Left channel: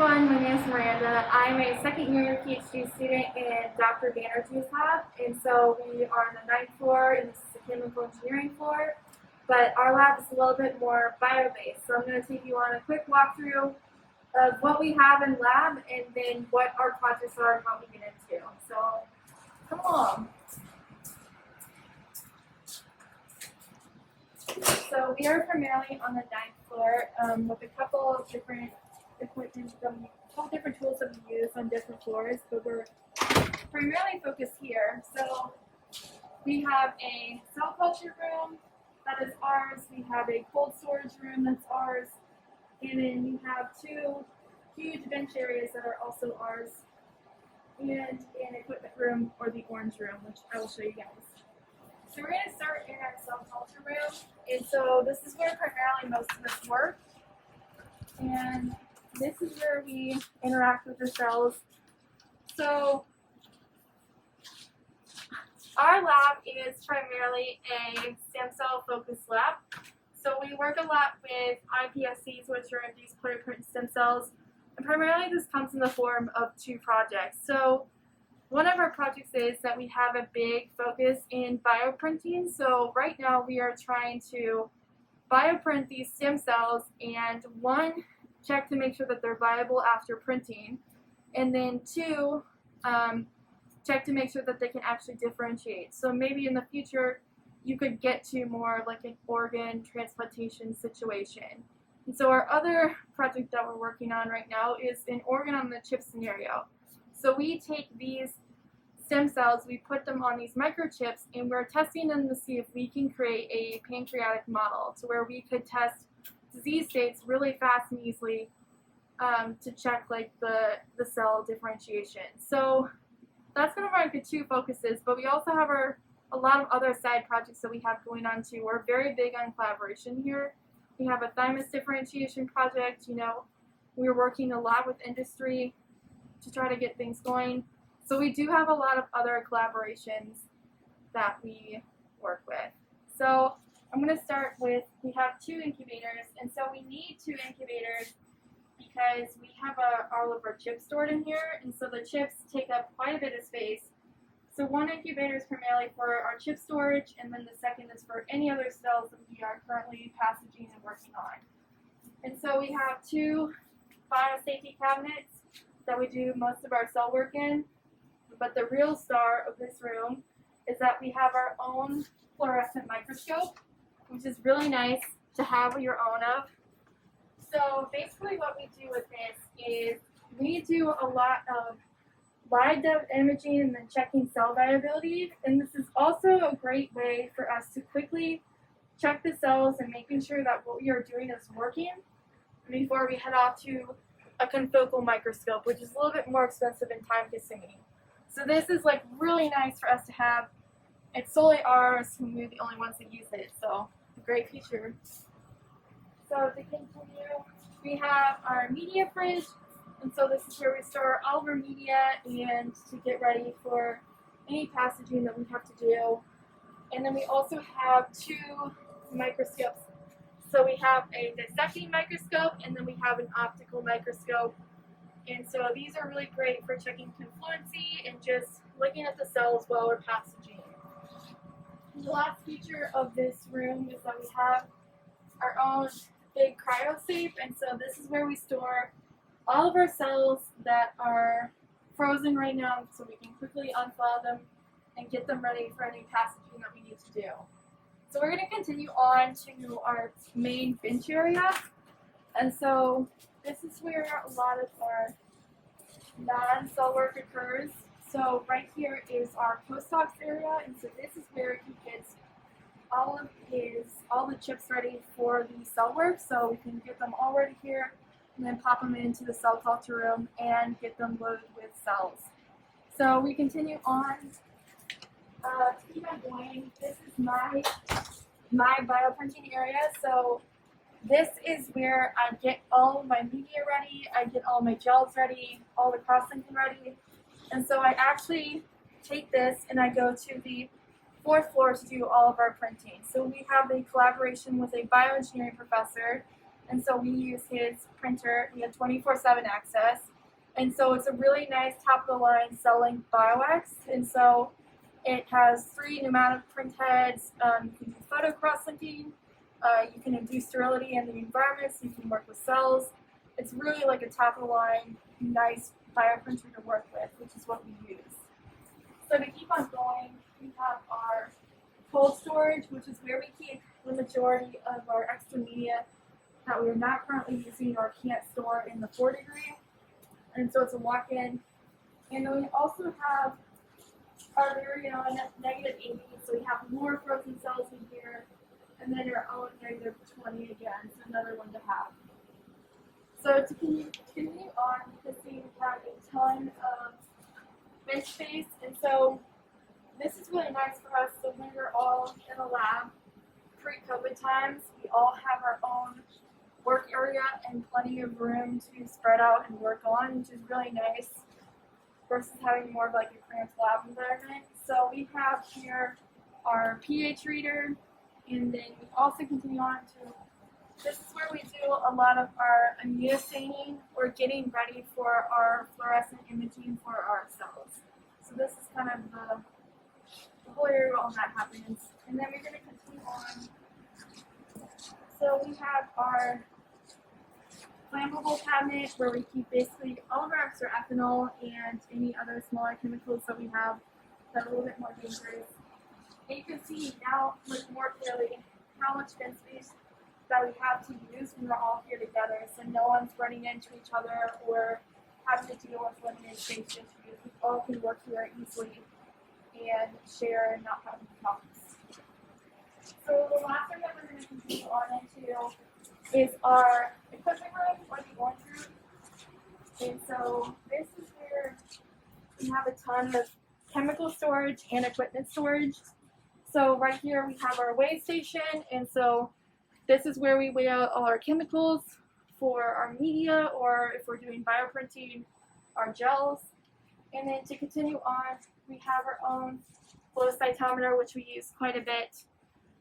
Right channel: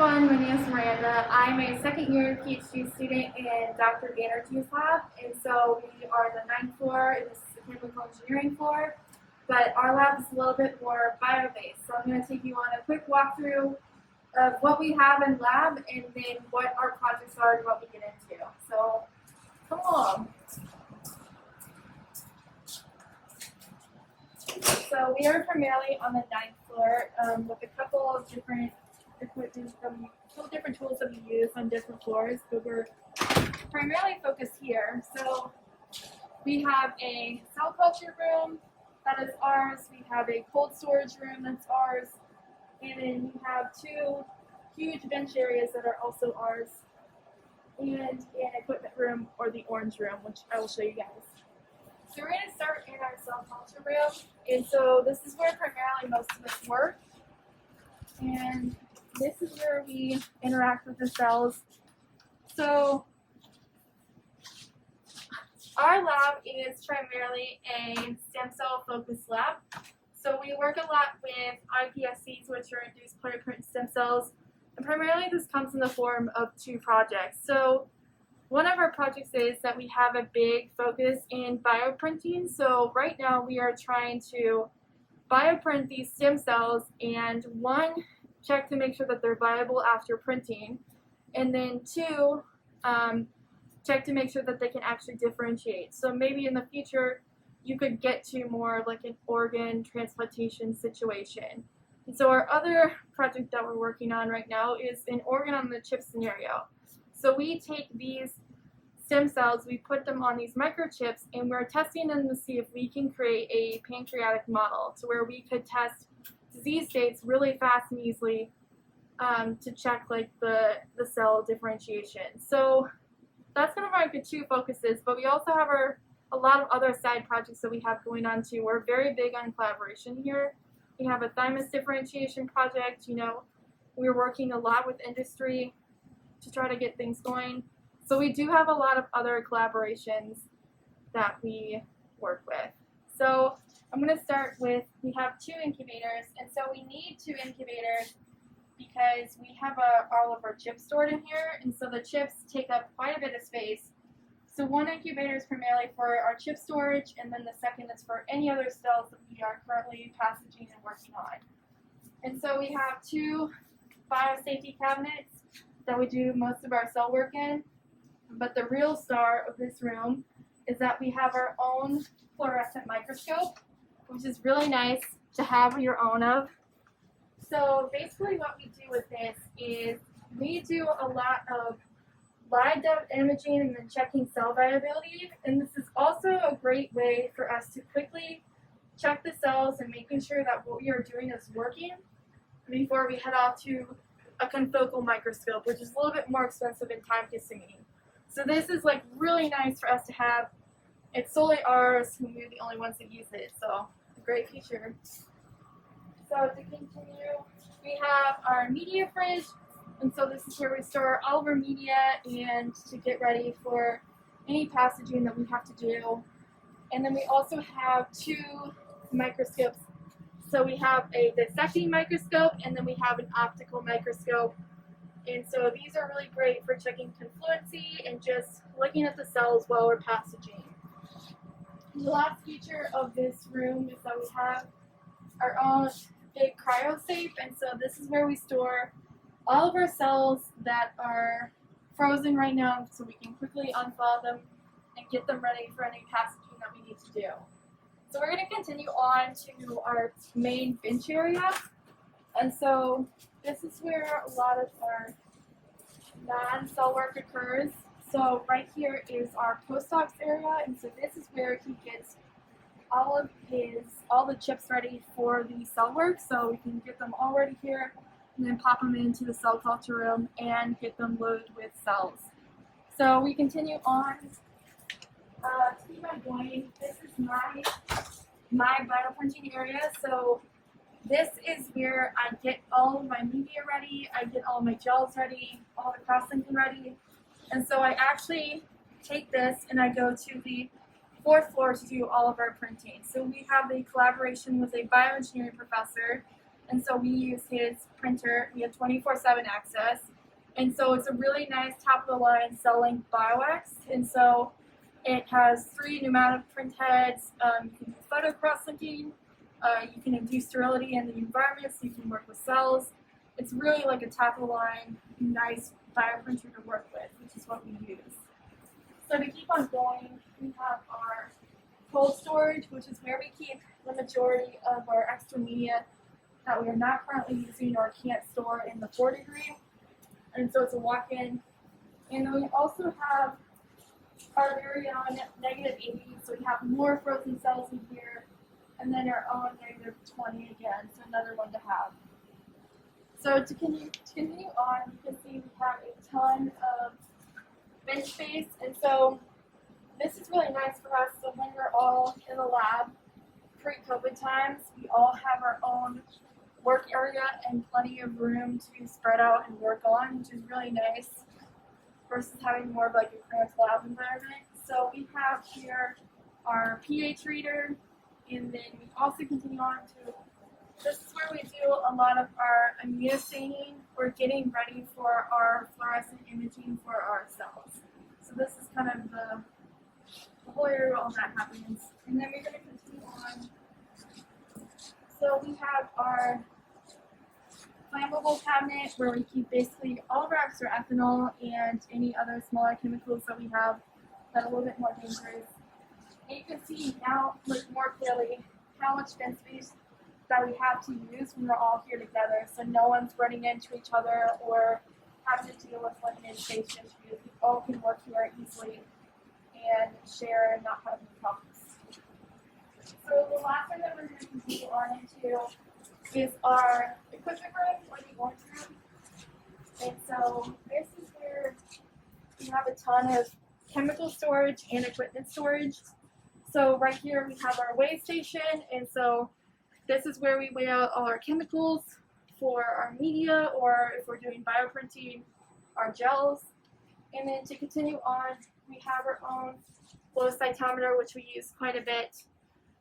everyone, my name is Miranda. I'm a second year PhD student in Dr. Banerjee's lab, and so we are on the 9th floor, and this is the chemical engineering floor, but our lab is a little bit more bio-based. So I'm going to take you on a quick walkthrough of what we have in lab and then what our projects are and what we get into. So come along. So we are primarily on the 9th floor with a couple of different equipment, different tools that we use on different floors, but we're primarily focused here. So we have a cell culture room that is ours, we have a cold storage room that's ours, and then we have two huge bench areas that are also ours, and an equipment room, or the orange room, which I will show you guys. So we're going to start in our cell culture room, and so this is where primarily most of us work, and this is where we interact with the cells. So our lab is primarily a stem cell focused lab. So we work a lot with iPSCs, which are induced pluripotent stem cells, and primarily this comes in the form of two projects. So one of our projects is that we have a big focus in bioprinting. So right now we are trying to bioprint these stem cells, and one, check to make sure that they're viable after printing, and then two, check to make sure that they can actually differentiate. So maybe in the future you could get to more like an organ transplantation situation. And so our other project that we're working on right now is an organ on the chip scenario. So we take these stem cells, we put them on these microchips, and we're testing them to see if we can create a pancreatic model to where we could test disease states really fast and easily to check like the cell differentiation. So that's kind of our two focuses, but we also have a lot of other side projects that we have going on too. We're very big on collaboration here. We have a thymus differentiation project. You know, we're working a lot with industry to try to get things going. So we do have a lot of other collaborations that we work with. So I'm going to start with, we have two incubators, and so we need two incubators because we have all of our chips stored in here, and so the chips take up quite a bit of space. So one incubator is primarily for our chip storage, and then the second is for any other cells that we are currently passaging and working on. And so we have two biosafety cabinets that we do most of our cell work in, but the real star of this room is that we have our own fluorescent microscope, which is really nice to have your own of. So basically what we do with this is we do a lot of live imaging and then checking cell viability, and this is also a great way for us to quickly check the cells and making sure that what we are doing is working before we head off to a confocal microscope, which is a little bit more expensive and time consuming. So this is like really nice for us to have. It's solely ours, and we're the only ones that use it, so a great feature. So to continue, we have our media fridge, and so this is where we store all of our media and to get ready for any passaging that we have to do. And then we also have two microscopes. So we have a dissecting microscope, and then we have an optical microscope. And so these are really great for checking confluency and just looking at the cells while we're passaging. The last feature of this room is that we have our own big cryosafe, and so this is where we store all of our cells that are frozen right now, so we can quickly unthaw them and get them ready for any passaging that we need to do. So we're going to continue on to our main bench area, and so this is where a lot of our non-cell work occurs. So right here is our postdocs area, and so this is where he gets all the chips ready for the cell work, so we can get them all ready here and then pop them into the cell culture room and get them loaded with cells. So we continue on. Keep on going. This is my bioprinting area. So this is where I get all of my media ready, I get all my gels ready, all the cross-linking ready. And so I actually take this and I go to the 4th floor to do all of our printing. So we have a collaboration with a bioengineering professor and so we use his printer. We have 24/7 access, and so it's a really nice top of the line cell-length BioX, and so it has 3 pneumatic print heads. You can do photo cross-linking. You can induce sterility in the environment, so you can work with cells. It's really like a top of the line, nice bioprinter to work with, which is what we use. So to keep on going, we have our cold storage, which is where we keep the majority of our extra media that we are not currently using or can't store in the 4 degree. And so it's a walk-in. And then we also have our very own -80, so we have more frozen cells in here, and then our own -20 again, so another one to have. So to continue on, you can see we have a ton of bench space, and so this is really nice for us. So when we're all in the lab, pre-COVID times, we all have our own work area and plenty of room to spread out and work on, which is really nice versus having more of like a cramped lab environment. So we have here our pH reader, and then we also continue on to, this is where we do a lot of our immunostaining. We're getting ready for our fluorescent imaging for our cells. So this is kind of the whole area all that happens. And then we're going to continue on. So we have our Flammable Cabinet, where we keep basically all of our extra ethanol and any other smaller chemicals that we have that are a little bit more dangerous. And you can see now like more clearly how much bench space that we have to use when we're all here together, so no one's running into each other or having to deal with limited space issues. We all can work here easily and share and not have any problems. So the last thing that we're going to continue on into is our equipment room, or the orange room. And so this is where we have a ton of chemical storage and equipment storage. So right here we have our weigh station, and so this is where we weigh out all our chemicals for our media, or if we're doing bioprinting, our gels. And then to continue on, we have our own flow cytometer, which we use quite a bit.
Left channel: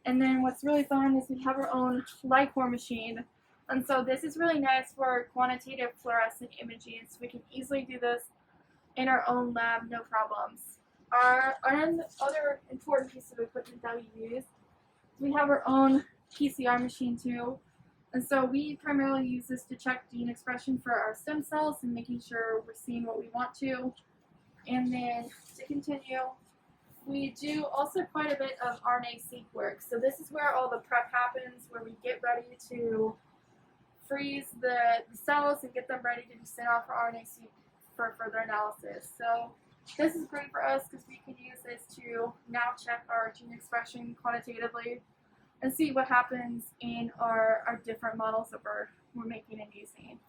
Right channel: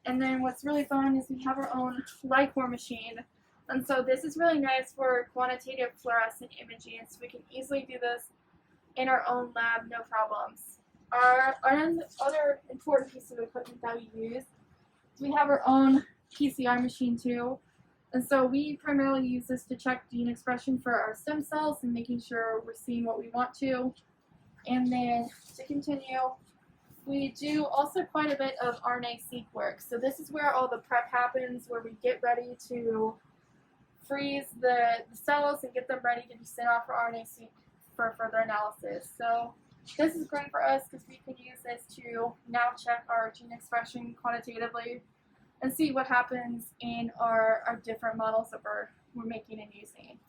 And then what's really fun is we have our own light core machine. And so this is really nice for quantitative fluorescent imaging, so we can easily do this in our own lab, no problems. Our other important piece of equipment that we use, we have our own PCI machine too. And so we primarily use this to check gene expression for our stem cells and making sure we're seeing what we want to. And then to continue, we do also quite a bit of RNA-seq work. So this is where all the prep happens, where we get ready to freeze the cells and get them ready to be sent off for RNA-seq for further analysis. So this is great for us because we can use this to now check our gene expression quantitatively and see what happens in our different models that we're making and using.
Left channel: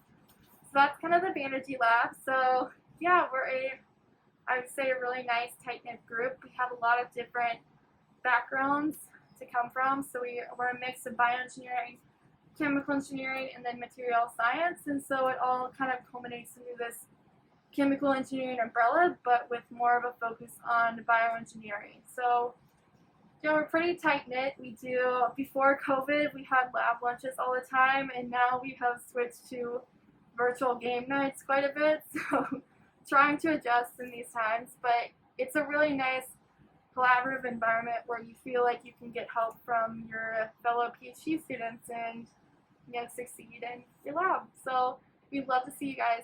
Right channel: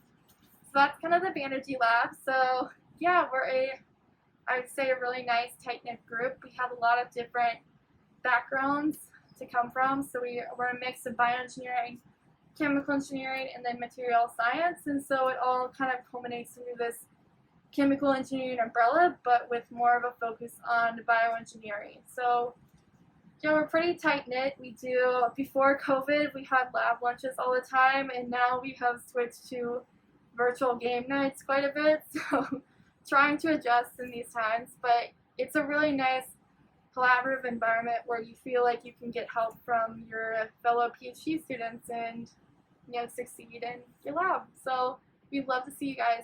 So that's kind of the Banerjee Lab. So yeah, I would say a really nice tight-knit group. We have a lot of different backgrounds to come from. So we're a mix of bioengineering, chemical engineering, and then material science. And so it all kind of culminates into this chemical engineering umbrella, but with more of a focus on bioengineering. So yeah, we're pretty tight-knit. We do, before COVID, we had lab lunches all the time, and now we have switched to virtual game nights quite a bit. So trying to adjust in these times, but it's a really nice collaborative environment where you feel like you can get help from your fellow PhD students and succeed in your lab. So we'd love to see you guys.